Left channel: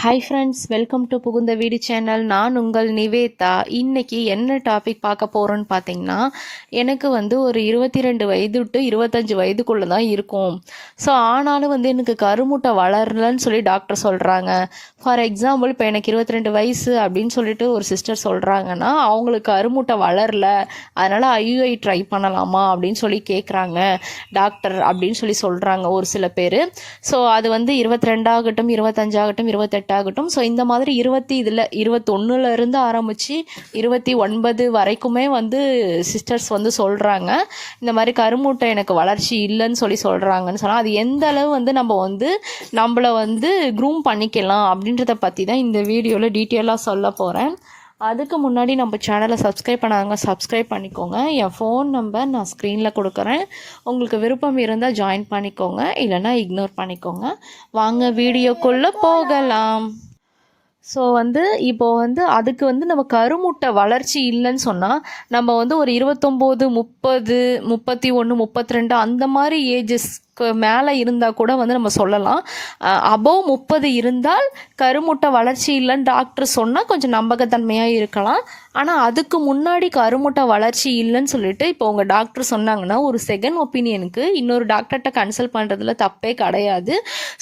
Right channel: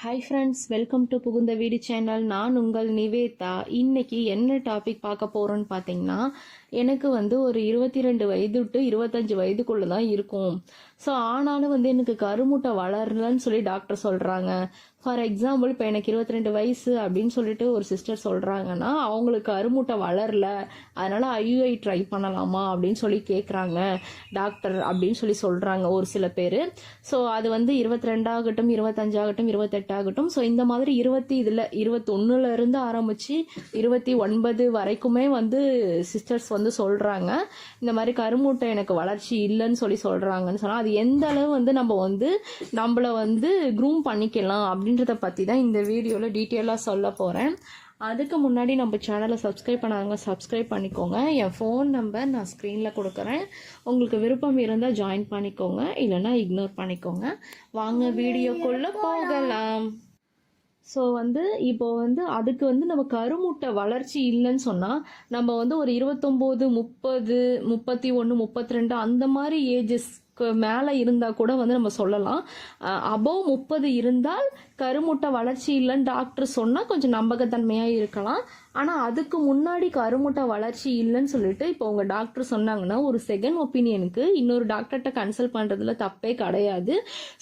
Hi friends welcome to புகுந்த வீடு channel நான் உங்கள் நிவேதா. இன்னைக்கு என்ன டாபிக் பார்க்க போகிறோன்னு பார்த்தீங்கன்னா எனக்கு வந்து ஒரு இருபத்தி ரெண்டு வயது டு இருபத்தஞ்சு வயதுக்குள்ளே தான் இருக்கும். ஸோ ஆனாலும் வந்து எனக்கு கருமுட்டை வளரலன்னு சொல்லி டாக்டர் சொல்கிறாங்க ஃபார் எக்ஸாம்பிள் இப்போ எனக்கு இருபத்தி ரெண்டு வயசு அப்படின்னு சொல்லிட்டு ஒரு சிஸ்டர் சொல்கிறாங்கன்னா அவங்களுக்கு கருமுட்டை வளரல அதனால் ஐயுஐ ட்ரை பண்ணலாமா அப்படின்னு சொல்லி கேட்குறாங்க டாக்டர் அப்படின்னு சொல்லி சொல்கிறாங்க ஒரு சில பேர். ஸோ அது வந்து இருபத்தி ரெண்டாகட்டும் இருபத்தஞ்சாகட்டும் இருபத்தெட்டாகட்டும் ஸோ இந்த மாதிரி இருபத்தி இதில் இருபத்தொன்னுல இருந்து ஆரம்பித்து இருபத்தி ஒன்பது வரைக்குமே வந்து சிஸ்டர்ஸ் வந்து சொல்கிறாங்க இந்த மாதிரி கருமூட்டை எனக்கு வளர்ச்சி இல்லைன்னு சொல்லி சொல்கிறாங்கன்னு சொன்னால் அது எந்த அளவு வந்து நம்ம வந்து நம்மளை வந்து க்ரூம் பண்ணிக்கலாம் அப்படின்றத பற்றி தான் இந்த வீடியோவில் டீட்டெயிலாக சொல்ல போகிறேன் அதுக்கு முன்னாடி நம்ம சேனலை சப்ஸ்கிரைப் பண்ணாங்க சப்ஸ்கிரைப் பண்ணிக்கோங்க. என் ஃபோன் நம்பர் நான் ஸ்க்ரீனில் கொடுக்குறேன். உங்களுக்கு விருப்பம் இருந்தால் ஜாயின் பண்ணிக்கோங்க. இல்லைன்னா இக்னோர் பண்ணிக்கோங்க. வாங்க வீடியோக்குள்ளே போகலாம். ஸோ வந்து இப்போ வந்து அதுக்கு வந்து நம்ம கருமுட்டை வளர்ச்சி இல்லைன்னு சொன்னால் நம்ம வந்து ஒரு இருபத்தொம்போது முப்பது முப்பத்தி ஒன்று முப்பத்தி ரெண்டு அந்த மாதிரி ஏஜஸ் மேலே இருந்தால் கூட வந்து நம்ம சொல்லலாம். அபோவ் முப்பது இருந்தால் கருமுட்டை வளர்ச்சி இல்லைன்னு டாக்டர் சொன்னால் கொஞ்சம் நம்பகத்தன்மையாக இருக்கலாம். ஆனால் அதுக்கு முன்னாடி கருமுட்டை வளர்ச்சி இல்லைன்னு சொல்லிட்டு இப்போ உங்கள் டாக்டர் சொன்னாங்கன்னா ஒரு செகண்ட் ஒப்பீனியனுக்கு இன்னொரு டாக்டர்கிட்ட கன்சல்ட் பண்ணுறதுல தப்பே கிடையாது.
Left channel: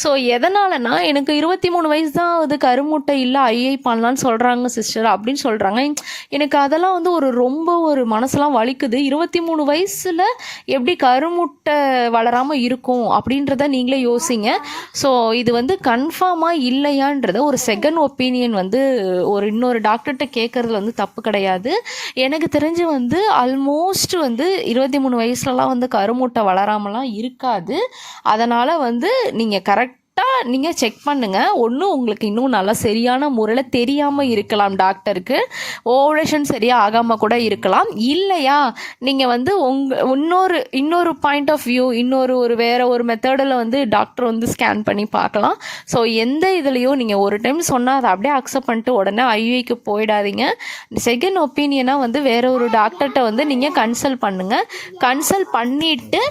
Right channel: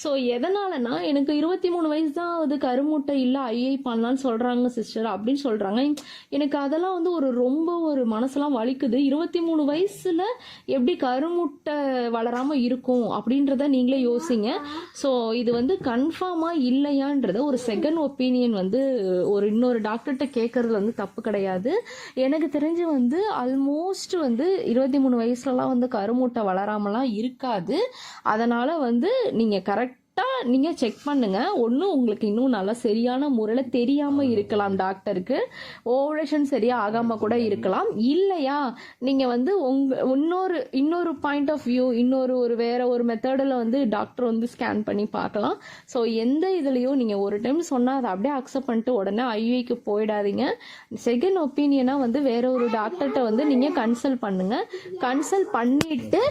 ஸோ எதனாலனா எனக்கு இருபத்தி மூணு வயசு தான் அது கருமுட்டை இல்லை ஐஐ பண்ணலான்னு சொல்கிறாங்க சிஸ்டர் அப்படின்னு சொல்கிறாங்க எனக்கு அதெல்லாம் வந்து ஒரு ரொம்ப ஒரு மனசெல்லாம் வலிக்குது. இருபத்தி மூணு வயசில் எப்படி கருமுட்டை வளராமல் இருக்கும் அப்படின்றத நீங்களே யோசிங்க. ஸோ இது வந்து கன்ஃபார்மாக இல்லையான்றத ஒரு செகண்ட் ஒப்பீனியன் வந்து ஒரு இன்னொரு டாக்டர்கிட்ட கேட்குறது வந்து தப்பு கிடையாது. எனக்கு தெரிஞ்சு வந்து ஆல்மோஸ்ட் வந்து இருபத்தி மூணு வயசுலலாம் வந்து கருமுட்டை வளராமலாம் இருக்காது. அதனால் வந்து நீங்கள் கரெக்ட் கரெக்டாக நீங்கள் செக் பண்ணுங்கள் ஒன்று உங்களுக்கு இன்னும் நல்லா சரியான முறையில் தெரியாமல் இருக்கலாம் டாக்டருக்கு. ஓவரேஷன் சரியாக ஆகாமல் கூட இருக்கலாம். இல்லையா? நீங்கள் வந்து உங்கள் இன்னொரு இன்னொரு பாயிண்ட் ஆஃப் வியூ இன்னொரு ஒரு வேறு ஒரு மெத்தடில் வந்து டாக்டர் வந்து ஸ்கேன் பண்ணி பார்க்கலாம். ஸோ எந்த இதுலேயும் நீங்கள் ஒரு டைம் சொன்னால் அதை அப்படியே அக்செப்ட் பண்ணிட்டு உடனே ஐவிக்கு போயிடாதீங்க. செகண்ட் ஒப்பீனியனாக வந்து வேற ஒரு டாக்டர்கிட்ட வந்து நீங்கள் கன்சல்ட் பண்ணுங்கள் கன்சல்ட் பண்ணிவிட்டு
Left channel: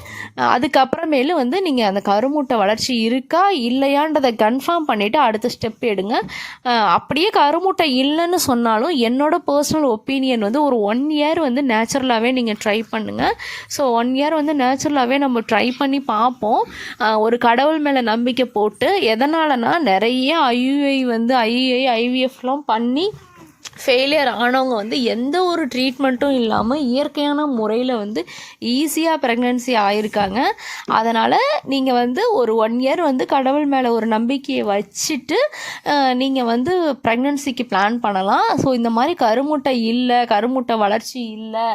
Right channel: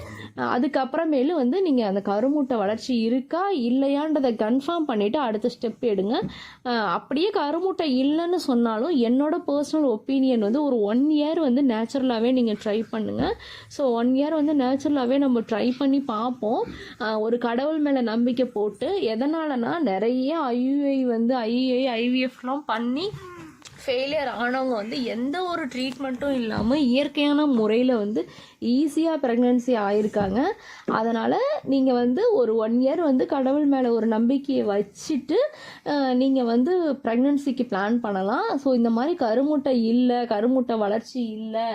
அதுக்கப்புறமேலு வந்து நீங்கள் அந்த கருமூட்டை வளர்ச்சி இருக்கா இல்லையான்றதை கன்ஃபார்ம் பண்ணிவிட்டு அடுத்த ஸ்டெப் எடுங்க. அப்படியே கருமுட்டை இல்லைன்னு சொன்னாலும் என்னோட பர்சனல் ஒப்பீனியன் வந்து ஒரு ஒன் இயர் வந்து நேச்சுரலாகவே நீங்கள் ட்ரை பண்ணுங்கள் ஸோ ஒன் இயர் வந்து நேச்சுரலாகவே நம்ம ட்ரை பண்ணி பார்ப்போம். ஒரு கடவுள் மேலே நம்பிக்கை போட்டு எதனாலனா நிறைய ஐயுஐ வந்து ஐஐ ஐவிஎஃப்லாம் பண்ணி ஃபெயிலியர் ஆனவங்க வந்து எந்த ஒரு ட்ரீட்மெண்ட்டும் இல்லாமல் இயற்கையான முறையில் வந்து ஈஸியாக ப்ரெக்னென்சி ஆயிருக்காங்க. அதனால் நீங்கள் வந்து ஒரு ஒன் இயர் வந்து கடவுள் மேலே ஒரு நம்பிக்கையை வச்சுட்டு நீங்கள் வந்து ப்ரெக்னென்சிக்கு பிளான் பண்ணலாம். ஸோ இந்த மாதிரி கருமுட்டை இல்லை கருமுட்டை வளர்ச்சி இல்லை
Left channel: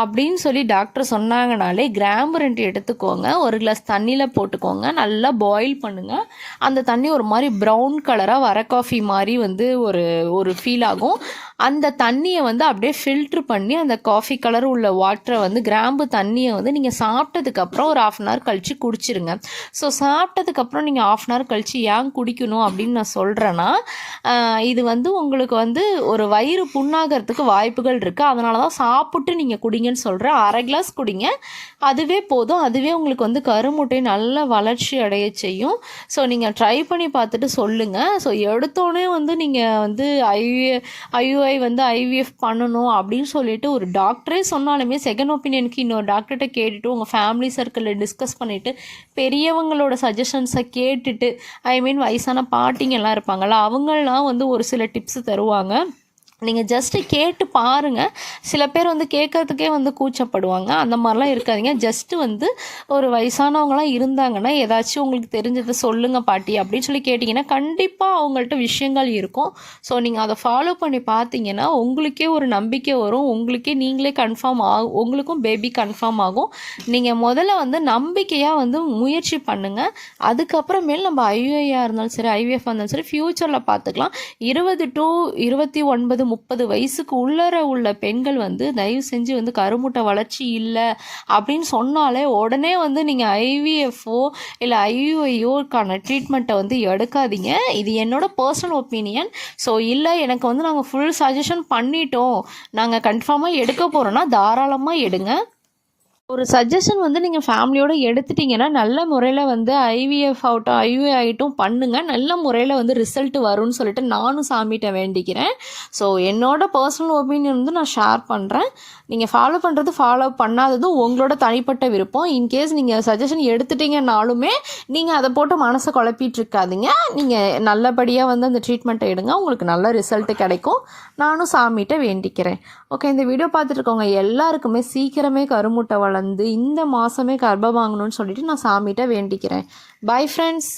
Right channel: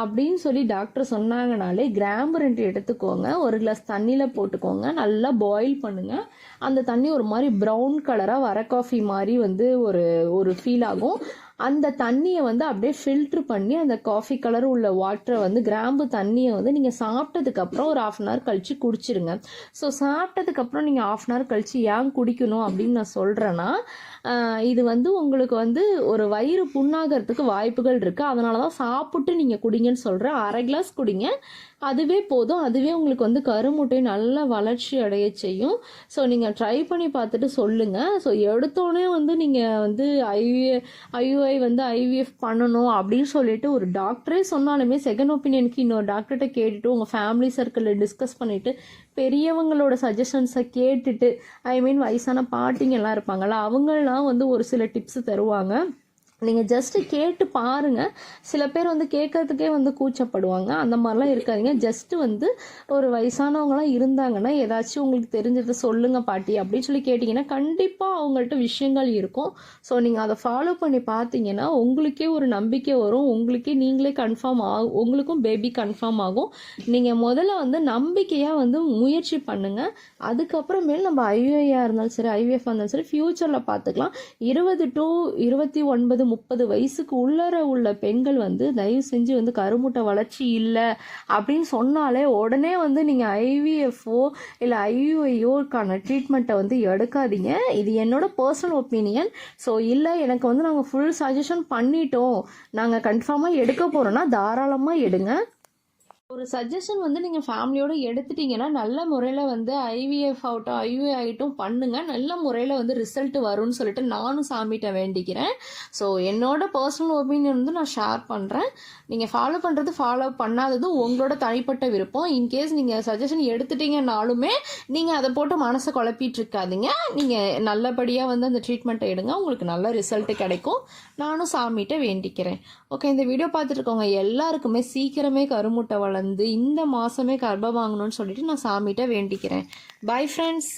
அப்படின்னு சொல்லி டாக்டர் சொன்னாங்கனாலே கிராம்பு ரெண்டு எடுத்துக்கோங்க. ஒரு கிளாஸ் தண்ணியில் போட்டுக்கோங்க. நல்லா பாயில் பண்ணுங்கள் அந்த தண்ணி ஒரு மாதிரி ப்ரௌன் கலராக வர காஃபி மாதிரி வந்து ஒரு ஒரு ஃபீல் ஆகும். அந்த தண்ணியை வந்து அப்படியே ஃபில்ட்ரு பண்ணி அந்த காஃபி கலர் உள்ள வாட்டரை வந்து கிராம்பு தண்ணியை வந்து நீங்கள் சாப்பிட்டதுக்கப்புறம் ஒரு ஆஃப் அன் ஹவர் கழித்து குடிச்சிருங்க. ஸோ சாப்பிட்டதுக்கப்புறம் நீங்கள் ஆஃப் அன் ஹவர் கழித்து ஏன் குடிக்கணும் அப்படின்னு நான் சொல்கிறேன்னா இது வந்து உங்களுக்கு வந்து ஒரு வயிறு புண்ணாகிறதுக்கு வாய்ப்புகள் இருக்குது அதனால தான் சாப்பிட்டு நீங்கள் குடிங்கன்னு சொல்கிறேன் அரை கிளாஸ் குடிங்க. அதுவே போதும். அதுவே உங்களுக்கு வந்து கருமுட்டை நல்ல வளர்ச்சி அடைய செய்யும். ஸோ நீங்கள் ட்ரை பண்ணி பார்த்துட்டு சொல்லுங்கள் ஸோ எடுத்தோடனே வந்து நீங்கள் வந்து ஐ ஐயுஐ வந்து ஐவிஎஃப் பண்ணணும் அப்படின்னு சொல்லிட்டு ஒரு டாக்டரே சொன்னாலுமே செகண்ட் ஒப்பீனியனுக்கு இன்னொரு டாக்டர்கிட்ட கேட்டுட்டு உங்கள் ஃபேமிலி சர்க்கிளில் டிஸ்கஸ் பண்ணிவிட்டு பெரியவங்களோட சஜஷன்ஸை கேட்டுட்டு ஐ மீன் வயசான பாட்டிங்கெல்லாம் இருப்பாங்கள்ல அவங்களாம் வந்து ஒரு சில டிப்ஸ் தருவாங்க. நீங்கள் ஜஸ்ட்டு கேட்டு பாருங்கள் சில பேர் வந்து கேட்கறதுக்கே வந்து கூச்சப்படுவாங்க. அந்த மாதிரிலாம் இருக்காதீங்க. ஜஸ்ட்டு வந்து ஒரு வயசானவங்களாம் இருந்தாங்கன்னா ஏதாச்சும் உங்களுக்கு தெரிஞ்சதை சொல்லுங்கள் பாட்டி அப்படின்னு சொல்லி கேட்டிங்கன்னா கண்டிப்பாக அவங்கள்ட்ட விஷயங்கள் இருக்கும். ஸோ நீங்கள் அதை ஃபாலோ பண்ணி பார்த்தீங்கன்னா உங்களுக்கே ஒரு நம்பிக்கை வரும். உங்களுக்கே நீங்களே கன்ஃபார்ம் ஆகும் உங்களுக்கும் பேபி கன்ஃபார்ம் ஆகும். நீங்கள் முதல்ல வந்து நம்பிக்கையாக வந்து முயற்சி பண்ணுங்கள் அதுக்கப்புறமேல் நம்ம ஐவிஐயாக இருந்தாலும் சரி ஐவிஎஃப் இருந்தாலும் சரி ஃப்யூச்சரில் பார்த்துக்கலாம். இருபது டு இருபத்தி ஒன்பது முப்பது வயசுக்கு உள்ளர உள்ள பெண்கள் வந்து தயவு செஞ்சு வந்து கருமுட்டை வளர்ச்சி இல்லை அப்படின்னு சொன்னாலே உடனே வந்து நீங்கள் ஐவிஎஃப்ஓ இல்லை ஐவிஐயோக்கான ட்ரீட்மெண்ட்டை வந்து எடுக்காதீங்க. இது என்னோட பர்சனல் ஒப்பீனியன் ஸோ இல்லை எனக்கு வந்து நாங்கள் ஃபுல் சஜஷன் பண்ணிட்டோம். நாங்கள் கன்ஃபார்மாக எடுக்க போகிறோன்னா தாராளமாக எடுங்க. ஒரு சஜஷன் வந்து நீங்கள் ஃபேமிலியோடு எடுத்துட்டிங்கன்னா நல்ல முறையில் வந்து ஐவிஎஃப் ஆகட்டும் ஐவிஐ ஆகிட்டும் பண்ணுங்கள் நல்ல முறையில் வந்து ரிசல்ட் வரும்னு சொல்லிட்டு நானும் சாமிகிட்ட வேண்டிக்கிறேன். ஸோ என்னோட பர்சனல் ஒப்பீனியன் வந்து நான் ஷேர் பண்ணுறேன் நீங்கள் ஃபாலோ பண்ணுறது ஃபாலோ பண்ணாததும் உங்களோட தனிப்பட்ட விருப்பம். இன்கேஸ் நீங்கள் சஜஷன் எடுத்துட்டீங்கன்னாலுமே நீங்கள் அதை போட்டு மனசை குழப்பிட்டு இருக்காதிங்க நீங்கள் நல்லபடியாக வந்து அந்த ட்ரீட்மெண்ட்டை எடுங்க. உங்களுக்கு நல்ல ரிசல்ட் கிடைக்கும். நானும் சாமிகிட்ட வேண்டிக்கிறேன். ஓகே இந்த வீடியோ பார்த்துட்டு இருக்கவங்க எல்லாருக்குமே சீக்கிரமே கருமுட்டை வளர்ந்து இந்த மாதமே கர்ப்பம் வாங்கணும்னு சொல்லிட்டு நான் சாமிகிட்ட வேண்டிக்கிறேன். Bye friends